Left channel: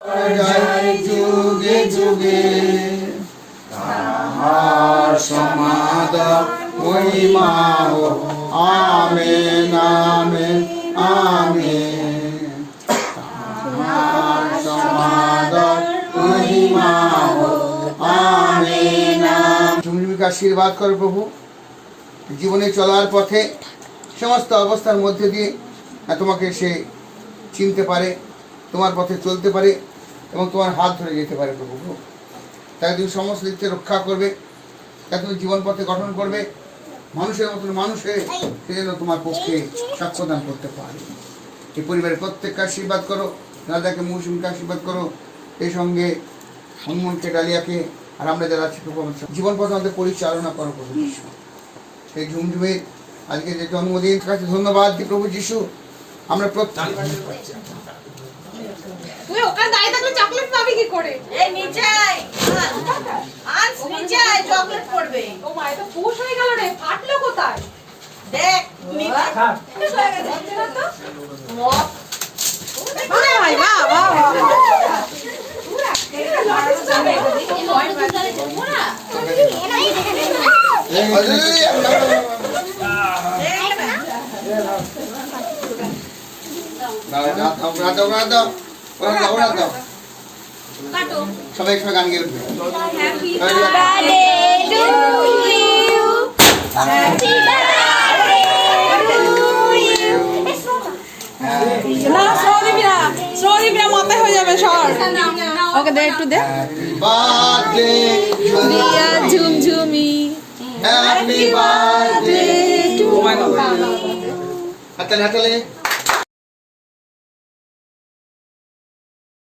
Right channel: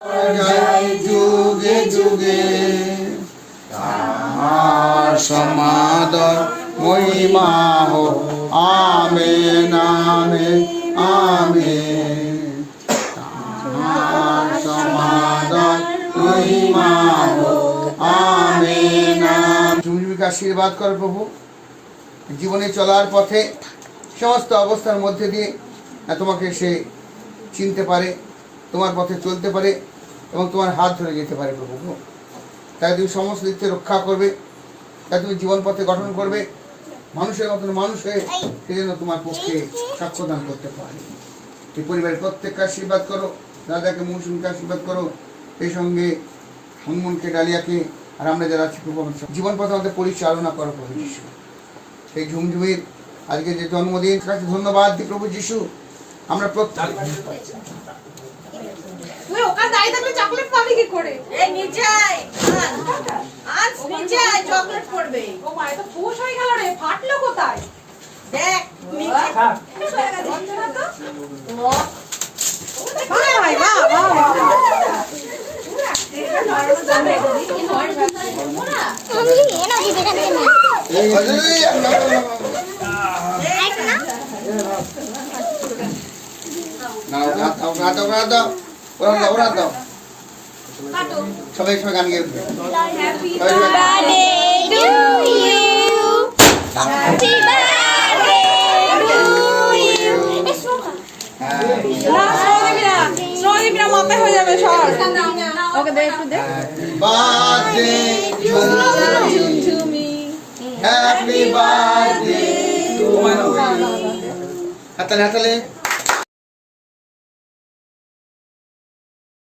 জয় যুগে যুগে তাহার সমাদর মহিমা হোক। Amen amen amen. তাহার সমাদর মহিমা হোক। Amen amen. ঝুমঝুমিকে আশীর্বাদ কর প্রভু, জীবনে চলার পথে সমস্ত অবস্থার মধ্যে দিয়ে তোমাকে সে চিনতে পারে, তোমার পথে চলতে পারে এবং তোমার হাত ধরে যেতে পারে প্রভু। তাই তুমি সমস্ত দিক থেকে রক্ষা করবে, তাই তুমি জীবন পথে গঠন করবে, মানুষের মতন মানুষের সে যেন তোমার পক্ষে সাক্ষ্যদান করতে পারে। এই পরিবারের প্রত্যেককে আশীর্বাদ করো, দাদাকে মৌসুমকে আশীর্বাদ করো, এই সঙ্গে হনুমনকে, ডালিয়াকে, আর আমরা যারা আছি প্রভু জীবন পথে আমাদের পরিচালনা করো প্রভু যিশু। সেই ঝুমঝুমির আজকে যে জন্মদিন, কাছে ধন্যবাদ দিই প্রভু যিশু। আমরা প্রত্যেক তুই ওখানে দাঁড়িয়ে থাকলে চকলেট পাবি কি করে? এই নিচে আয়, আজ নিচে আয়, চকলেট পড়বে। ও মা, এটা পুশ হয়ে গেল রে, ফাটলো কোথায়? দেখ নিচে হয়ে গেছে তো। ও ভালো হয় না, সবাই সবাই গান গেয়ে উঠবে। মাথায় হয়ে যাবে সবার। ওকে দে, একটু দে। ঝুমঝুমি হ্যাপি বার্থডে টু ইউ। হাততালি হাততালি।